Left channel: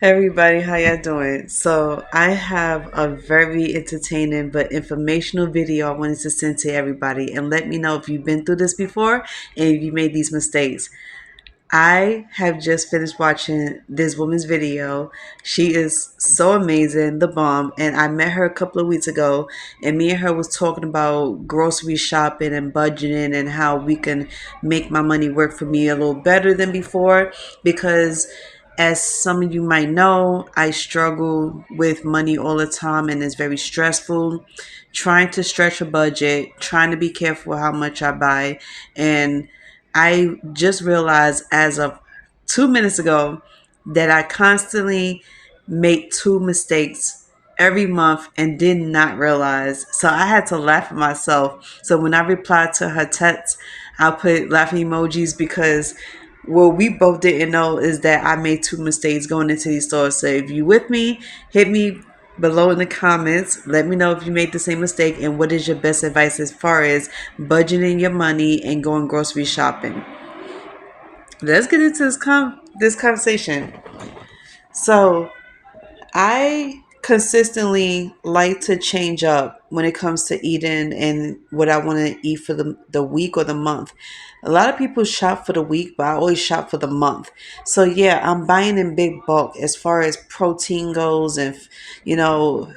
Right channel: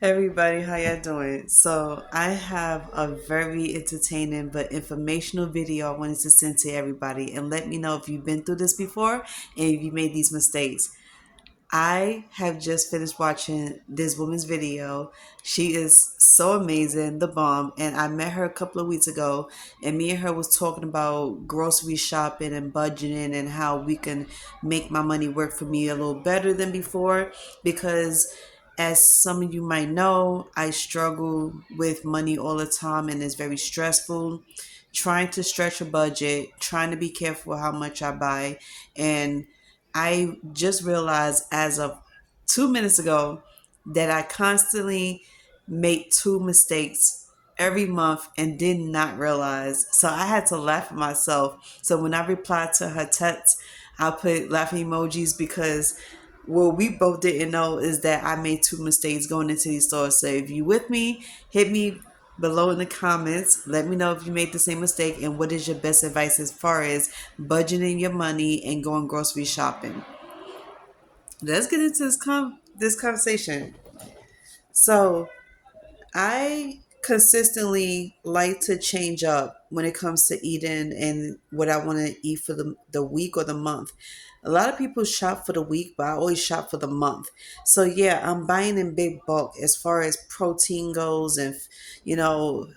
Hey everybody, how y'all doing? So I have a very entertaining but informational video I wanted to send to everybody and let me know if you've been through this before and if you made these mistakes. I have just finished watching this woman's video. She is so amazing, the bomb, and I met her a couple of weeks ago and me and her was talking about grocery shopping and budgeting and how we can make my money work for me a little better than before because as some of you might know, I struggle with money all the time and it's very stressful. Trying to stretch a budget, trying to be careful how much I buy. And I just realized as of 2 minutes ago that I constantly make two mistakes every month and did not realize. So I had to laugh at myself. So when I replied to her text, I put laughing emojis because what we both didn't know is that I made two mistakes going into these stores. So if you with me, hit me below in the comments. Let me know if you made the same mistake and what is your best advice as far as budgeting your money and going grocery shopping. Let's get into this conversation. So I consistently like to change up when it comes to eating and what I want to eat for the week or the month. A lot of people shop for the week, but I always shop for the month. So yeah, I'm buying in big bulk as far as protein goes and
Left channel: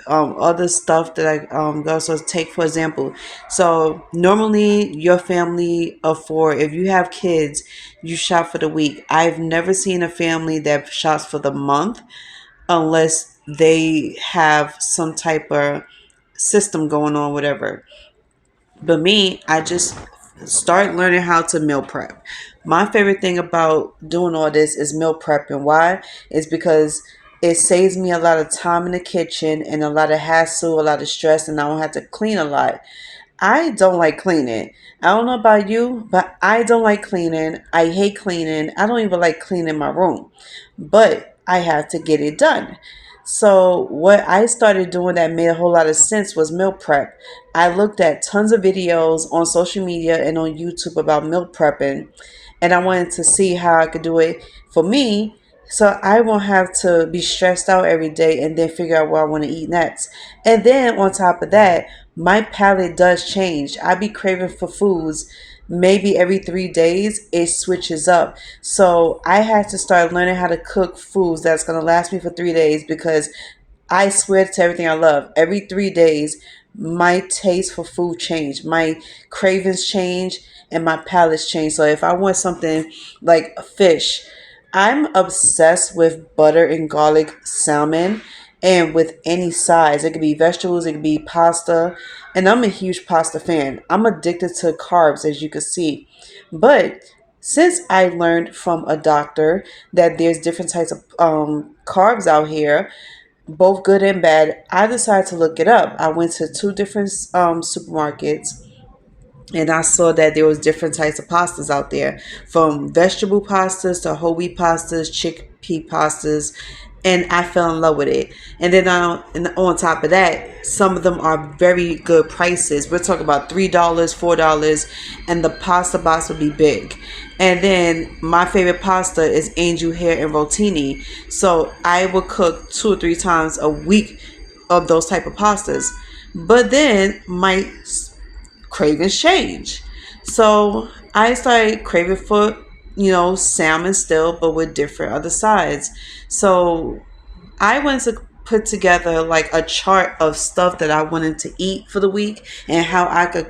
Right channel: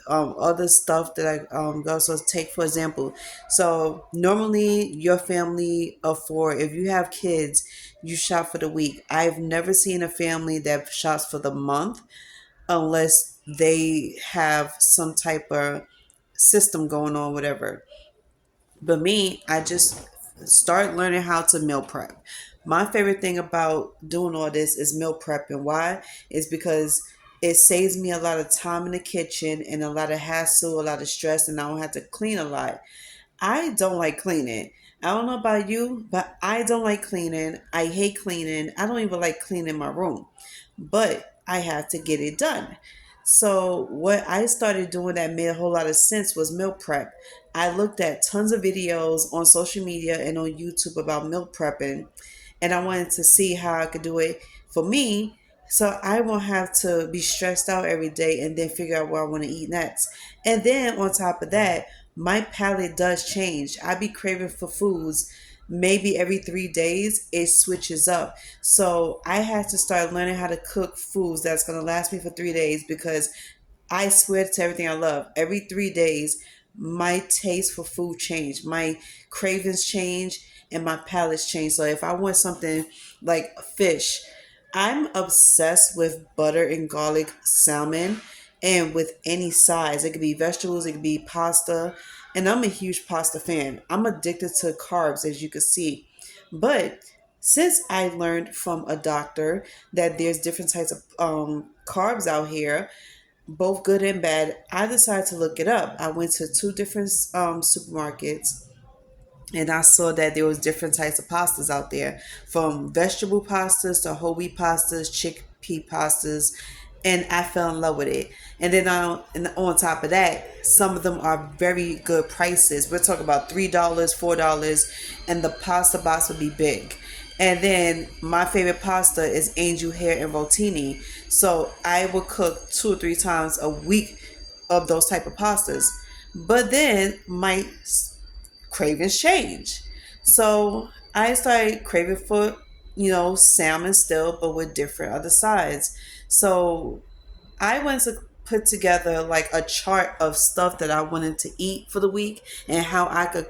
other stuff that I go. So take for example. So normally your family of four, if you have kids, you shop for the week. I've never seen a family that shops for the month unless they have some type of system going on, whatever. But me, I just start learning how to meal prep. My favorite thing about doing all this is meal prep, and why is because it saves me a lot of time in the kitchen and a lot of hassle, a lot of stress, and I don't have to clean a lot. I don't like cleaning. I don't know about you, but I don't like cleaning. I hate cleaning. I don't even like cleaning my room. But I have to get it done. So what I started doing that made a whole lot of sense was meal prep. I looked at tons of videos on social media and on YouTube about meal prepping, and I wanted to see how I could do it for me so I won't have to be stressed out every day and then figure out what I want to eat next. And then on top of that, my palate does change. I be craving for foods maybe every 3 days, it switches up. So I had to start learning how to cook foods that's going to last me for 3 days because I swear to everything I love, every 3 days, my taste for food change, my cravings change, and my palates change. So if I want something like fish, I'm obsessed with butter and garlic salmon and with any size. It could be vegetables, it could be pasta, and I'm a huge pasta fan. I'm addicted to carbs, as you can see. But since I learned from a doctor that there's different types of carbs out here, both good and bad, I decided to look it up. I went to two different supermarkets and I saw that there was different types of pastas out there, from vegetable pastas to whole wheat pastas, chickpea pastas, and I fell in love with it. And then and on top of that, some of them are very good prices. We're talking about $3, $4, and the pasta box will be big. And then my favorite pasta is angel hair and rotini. So I will cook 2 or 3 times a week of those type of pastas. But then my cravings change. So I started craving for, salmon still, but with different other sides. So I wanted to put together like a chart of stuff that I wanted to eat for the week and how I could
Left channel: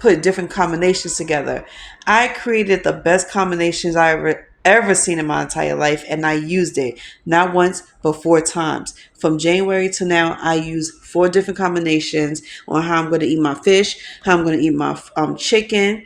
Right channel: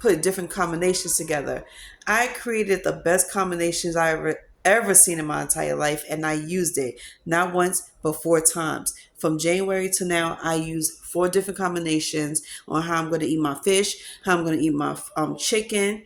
put different combinations together. I created the best combinations I ever seen in my entire life, and I used it not once but 4 times. From January to now, I use 4 different combinations on how I'm going to eat my fish, how I'm going to eat my chicken,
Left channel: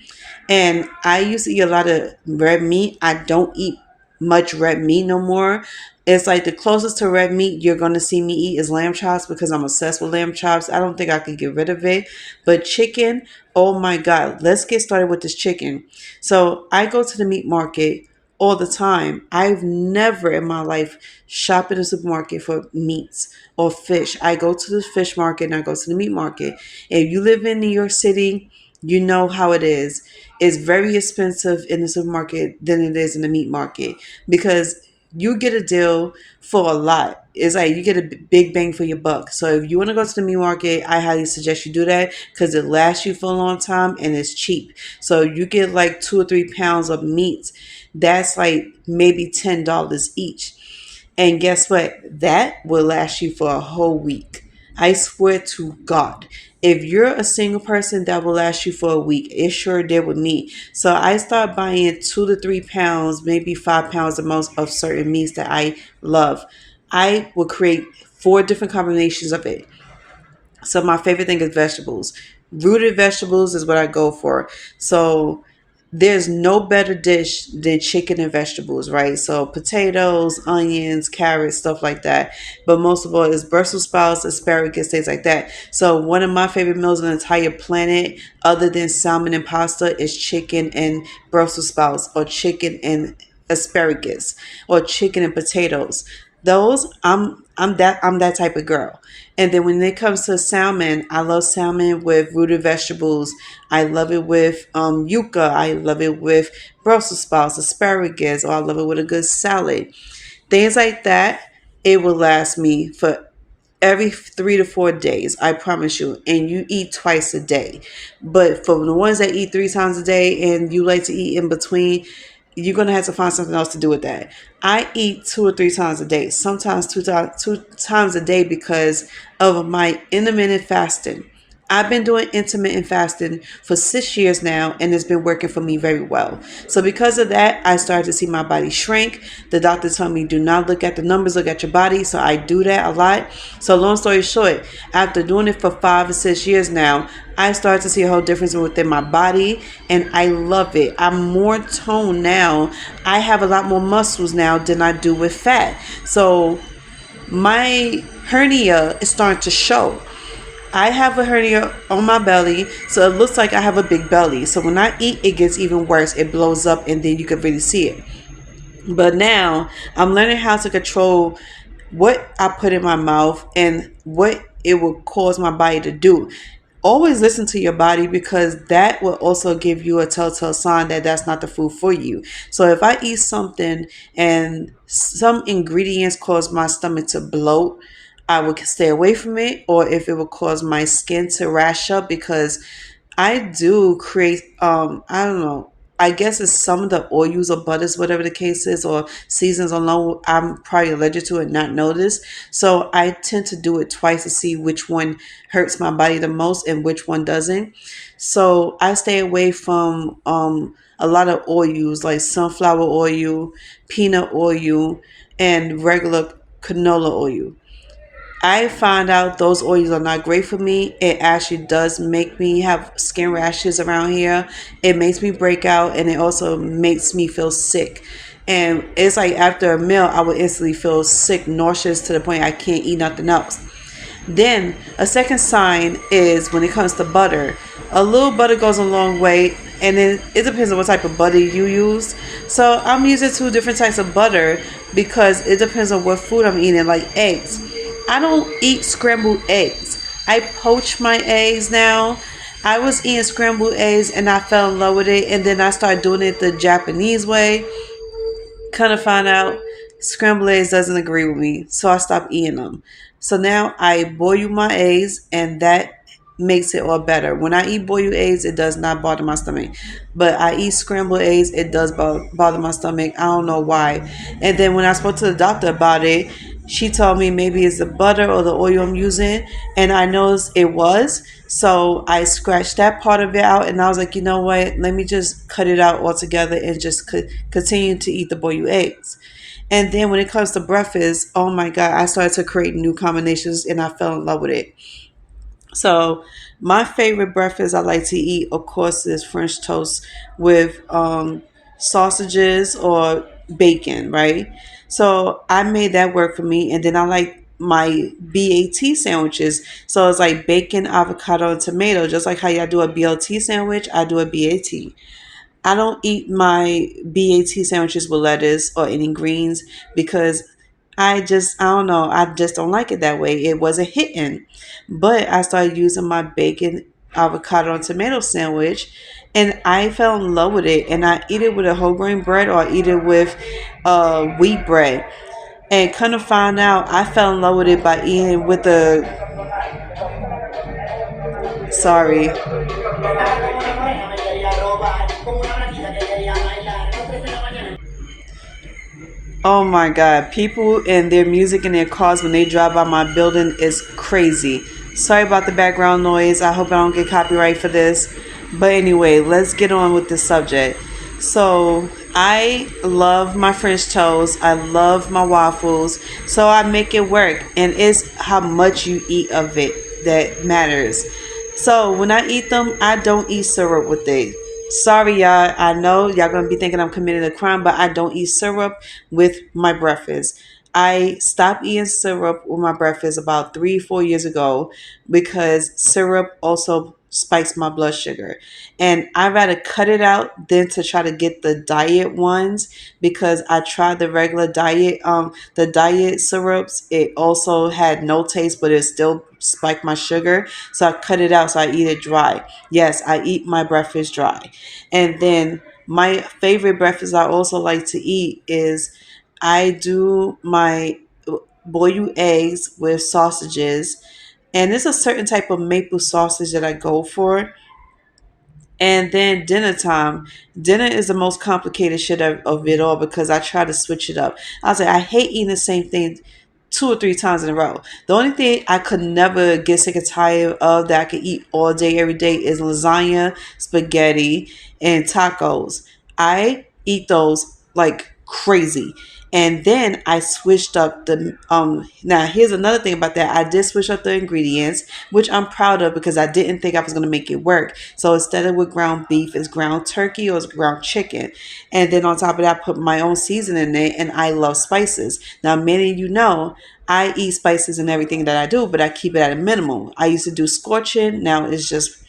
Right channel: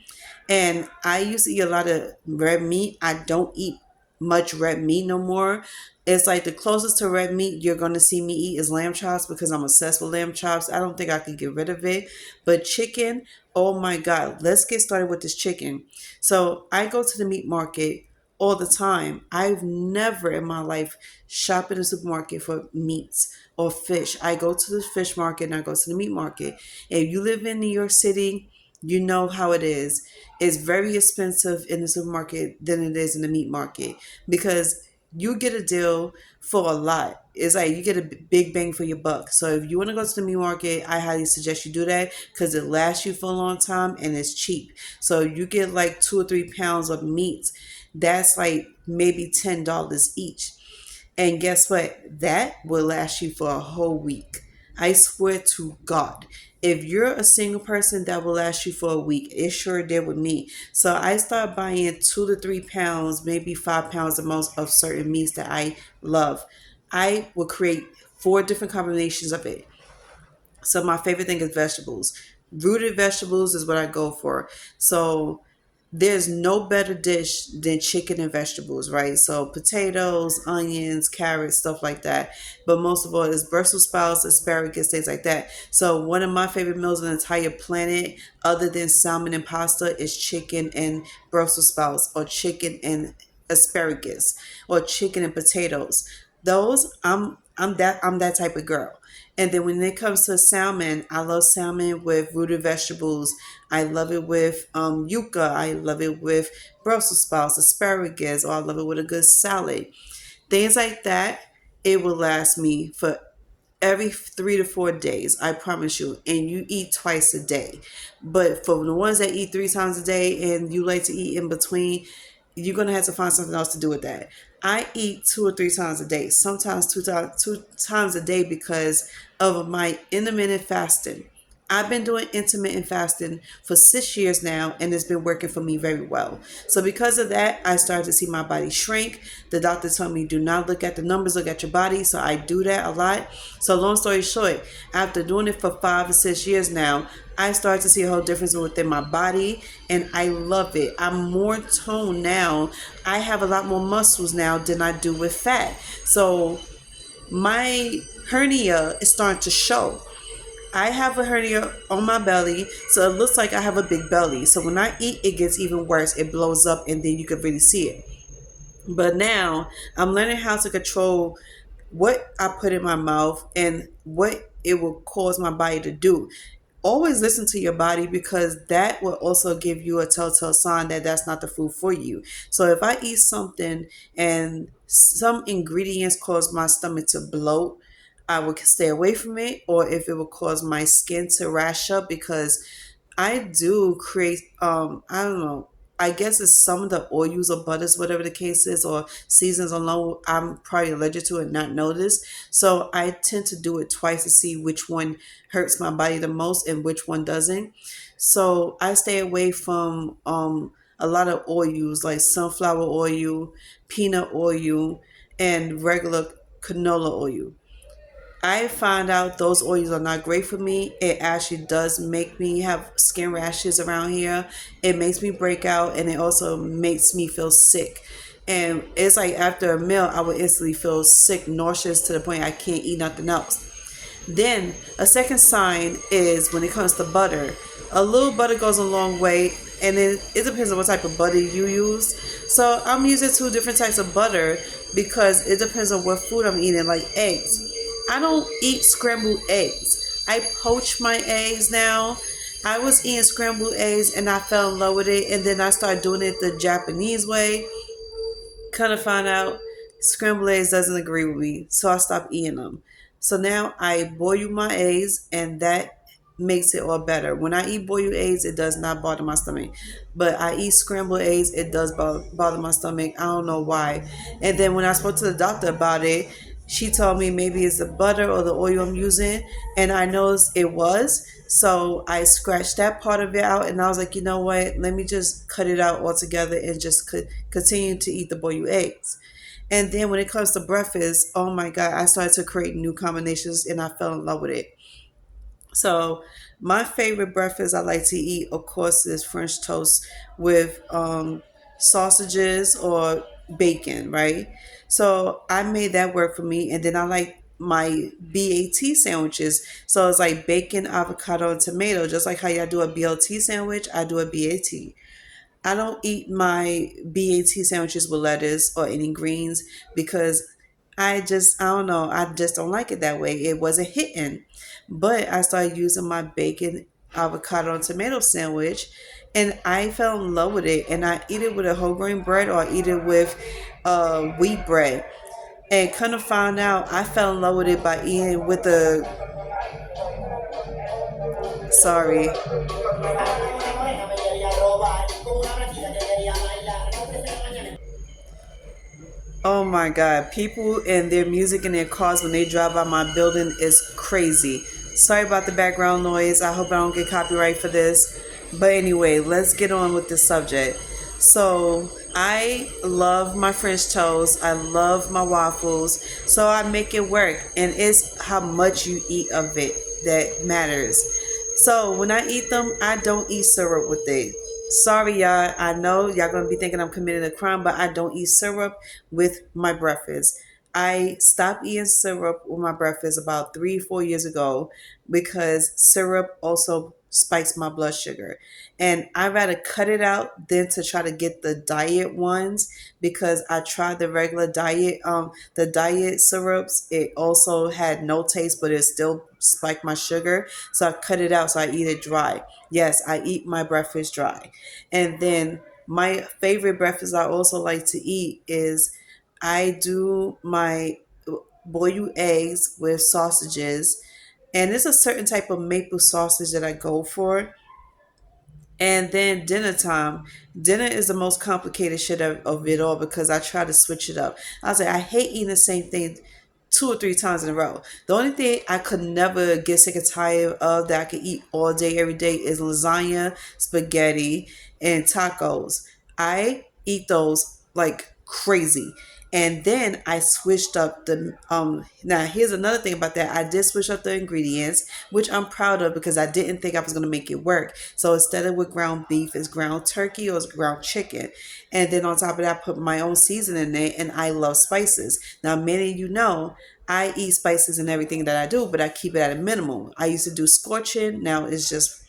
and I used to eat a lot of red meat. I don't eat much red meat no more. It's like the closest to red meat you're going to see me eat is lamb chops because I'm obsessed with lamb chops. I don't think I could get rid of it. But chicken, oh my God, let's get started with this chicken. So I go to the meat market all the time. I've never in my life shopped in a supermarket for meats or fish. I go to the fish market and I go to the meat market. If you live in New York City, you know how it is. It's very expensive in the supermarket than it is in the meat market because you get a deal for a lot. It's like you get a big bang for your buck. So if you want to go to the meat market, I highly suggest you do that because it lasts you for a long time and it's cheap. So you get like 2 or 3 pounds of meat. That's like maybe $10 each. And guess what? That will last you for a whole week. I swear to God. If you're a single person, that will last you for a week. It sure did with me. So I start buying 2 to 3 pounds, maybe 5 pounds the most of certain meats that I love. I will create 4 different combinations of it. So my favorite thing is vegetables. Rooted vegetables is what I go for. So there's no better dish than chicken and vegetables, right? So potatoes, onions, carrots, stuff like that. But most of all is Brussels sprouts, asparagus, things like that. So one of my favorite meals on the entire planet, other than salmon and pasta, is chicken and Brussels sprouts, or chicken and asparagus, or chicken and potatoes. Those I'm that type of girl. And then when it comes to salmon, I love salmon with rooted vegetables. I love it with yuca. I love it with Brussels sprouts, asparagus, or I love it with a good salad. Things like that, it will last me for every 3 to 4 days, I promise you. And you eat twice a day. But for the ones that eat 3 times a day and you like to eat in between, you're gonna have to find something else to do with that. I eat 2 or 3 times a day, sometimes two times a day because of my intermittent fasting. I've been doing intermittent fasting for 6 years now, and it's been working for me very well. So, because of that, I started to see my body shrink. The doctor told me, do not look at the numbers, look at your body. So, I do that a lot. So, long story short, after doing it for 5 or 6 years now, I started to see a whole difference within my body, and I love it. I'm more toned now. I have a lot more muscles now than I do with fat. So, my hernia is starting to show. I have a hernia on my belly, so it looks like I have a big belly. So when I eat, it gets even worse. It blows up, and then you can really see it. But now I'm learning how to control what I put in my mouth and what it will cause my body to do. Always listen to your body, because that will also give you a telltale sign that that's not the food for you. So if I eat something and some ingredients cause my stomach to bloat, I would stay away from it. Or if it will cause my skin to rash up, because I do create I don't know, I guess it's some of the oils or butters, whatever the case is, or seasons alone, I'm probably allergic to and not notice. So I tend to do it twice to see which one hurts my body the most and which one doesn't. So I stay away from a lot of oils like sunflower oil, peanut oil, and regular canola oil. I found out those oils are not great for me. It actually does make me have skin rashes around here. It makes me break out, and it also makes me feel sick. And it's like after a meal, I would instantly feel sick, nauseous to the point I can't eat nothing else. Then a second sign is when it comes to butter. A little butter goes a long way, and then it depends on what type of butter you use. So I'm using 2 different types of butter because it depends on what food I'm eating, like eggs. I don't eat scrambled eggs. I poach my eggs now. I was eating scrambled eggs and I fell in love with it, and then I started doing it the Japanese way. Kind of find out scrambled eggs doesn't agree with me, so I stopped eating them. So now I boil my eggs, and that makes it all better. When I eat boiled eggs, it does not bother my stomach, but I eat scrambled eggs, it does bother my stomach. I don't know why. And then when I spoke to the doctor about it, she told me maybe it's the butter or the oil I'm using, and I noticed it was. So I scratched that part of it out, and I was like, you know what? Let me just cut it out altogether and just continue to eat the boiled eggs. And then when it comes to breakfast, oh my God, I started to create new combinations, and I fell in love with it. So my favorite breakfast I like to eat, of course, is French toast with sausages or bacon, right? So I made that work for me, and then I like my BAT sandwiches. So it's like bacon, avocado, and tomato. Just like how y'all do a BLT sandwich, I do a BAT. I don't eat my BAT sandwiches with lettuce or any greens because I don't know, I just don't like it that way. It wasn't hitting. But I started using my bacon, avocado, and tomato sandwich, And I fell in love with it, and I eat it with a whole grain bread or I eat it with wheat bread. And kind of found out I fell in love with it by eating with the, sorry. Oh my God. People and their music in their cars when they drive by my building is crazy. Sorry about the background noise. I hope I don't get copyright for this. But anyway, let's get on with the subject. So, I love my French toast. I love my waffles. So, I make it work. And it's how much you eat of it that matters. So, when I eat them, I don't eat syrup with it. Sorry, y'all. I know y'all gonna be thinking I'm committing a crime, but I don't eat syrup with my breakfast. I stopped eating syrup with my breakfast about 3, 4 years ago because syrup also spikes my blood sugar. And I'd rather cut it out than to try to get the diet ones because I tried the regular diet, the diet syrups. It also had no taste, but it still spiked my sugar. So I cut it out so I eat it dry. Yes, I eat my breakfast dry. And then my favorite breakfast I also like to eat is I do my boiled eggs with sausages. And it's a certain type of maple sausage that I go for. And then dinner time. Dinner is the most complicated shit of it all because I try to switch it up. I was like, I hate eating the same thing 2 or 3 times in a row. The only thing I could never get sick and tired of that I could eat all day, every day is lasagna, spaghetti, and tacos. I eat those like crazy. And then I switched up the now here's another thing about that. I did switch up the ingredients, which I'm proud of because I didn't think I was gonna make it work. So instead of with ground beef, it's ground turkey or it's ground chicken. And then on top of that, I put my own seasoning in it, and I love spices. Now many of you know I eat spices in everything that I do, but I keep it at a minimum. I used to do scorching, now it's just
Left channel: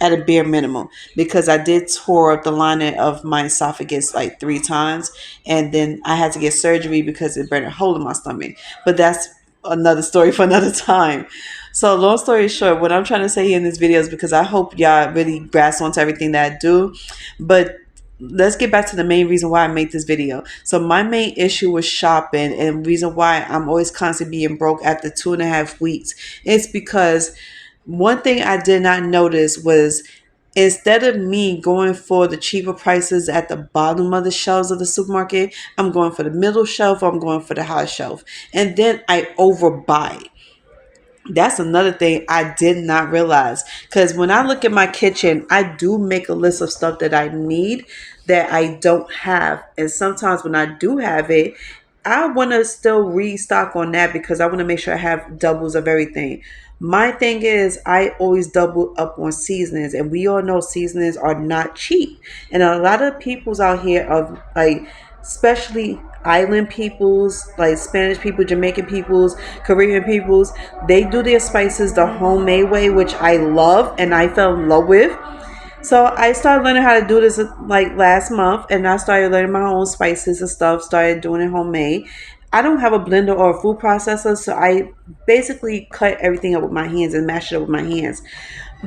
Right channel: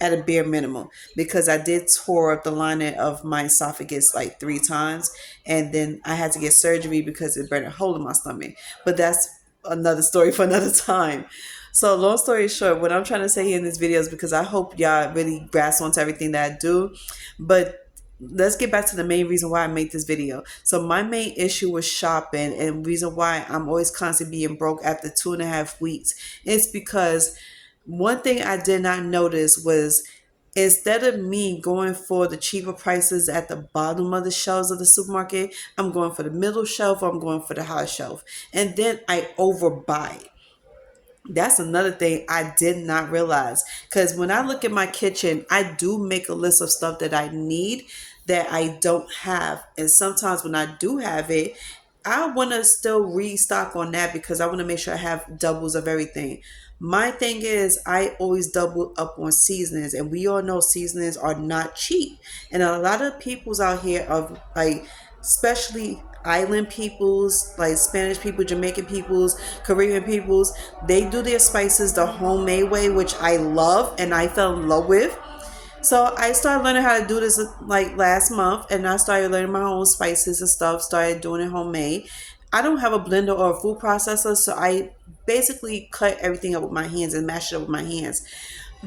at a bare minimum because I did tore up the lining of my esophagus like 3 times, and then I had to get surgery because it burned a hole in my stomach. But that's another story for another time. So long story short, what I'm trying to say here in this video is because I hope y'all really grasp onto everything that I do. But let's get back to the main reason why I made this video. So my main issue with shopping and reason why I'm always constantly being broke after 2.5 weeks is because one thing I did not notice was instead of me going for the cheaper prices at the bottom of the shelves of the supermarket, I'm going for the middle shelf or I'm going for the high shelf. And then I overbuy. That's another thing I did not realize. Because when I look at my kitchen, I do make a list of stuff that I need that I don't have. And sometimes when I do have it, I want to still restock on that because I want to make sure I have doubles of everything. My thing is, I always double up on seasonings, and we all know seasonings are not cheap. And a lot of people's out here are like, especially island peoples, like Spanish people, Jamaican peoples, Korean peoples, they do their spices the homemade way, which I love and I fell in love with. So I started learning how to do this like last month, and I started learning my own spices and stuff, started doing it homemade. I don't have a blender or a food processor, so I basically cut everything up with my hands and mash it up with my hands.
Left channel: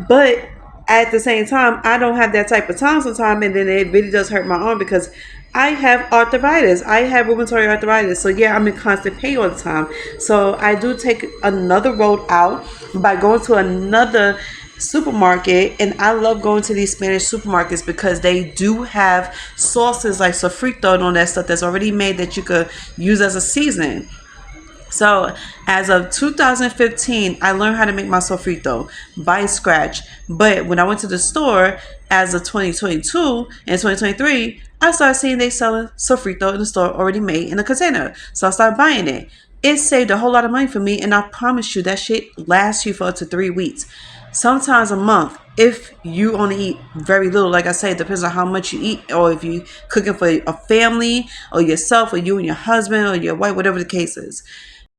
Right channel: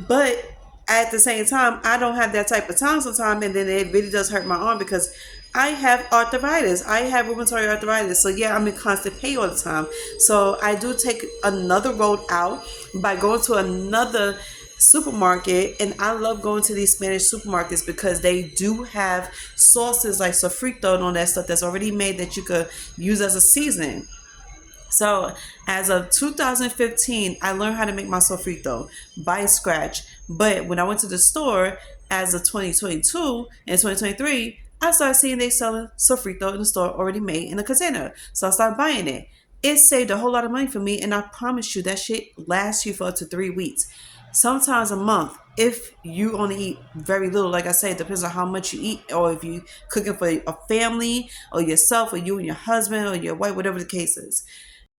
But at the same time, I don't have that type of time sometimes, and then it really does hurt my arm because I have arthritis. I have rheumatoid arthritis. So yeah, I'm in constant pain all the time. So I do take another road out by going to another supermarket, and I love going to these Spanish supermarkets because they do have sauces like sofrito and all that stuff that's already made that you could use as a seasoning. So, as of 2015, I learned how to make my sofrito by scratch. But when I went to the store as of 2022 and 2023, I started seeing they selling sofrito in the store already made in a container. So I started buying it. It saved a whole lot of money for me, and I promise you that shit lasts you for up to 3 weeks, sometimes a month. If you only eat very little, like I say, it depends on how much you eat, or if you cooking for a family or yourself or you and your husband or your wife, whatever the case is.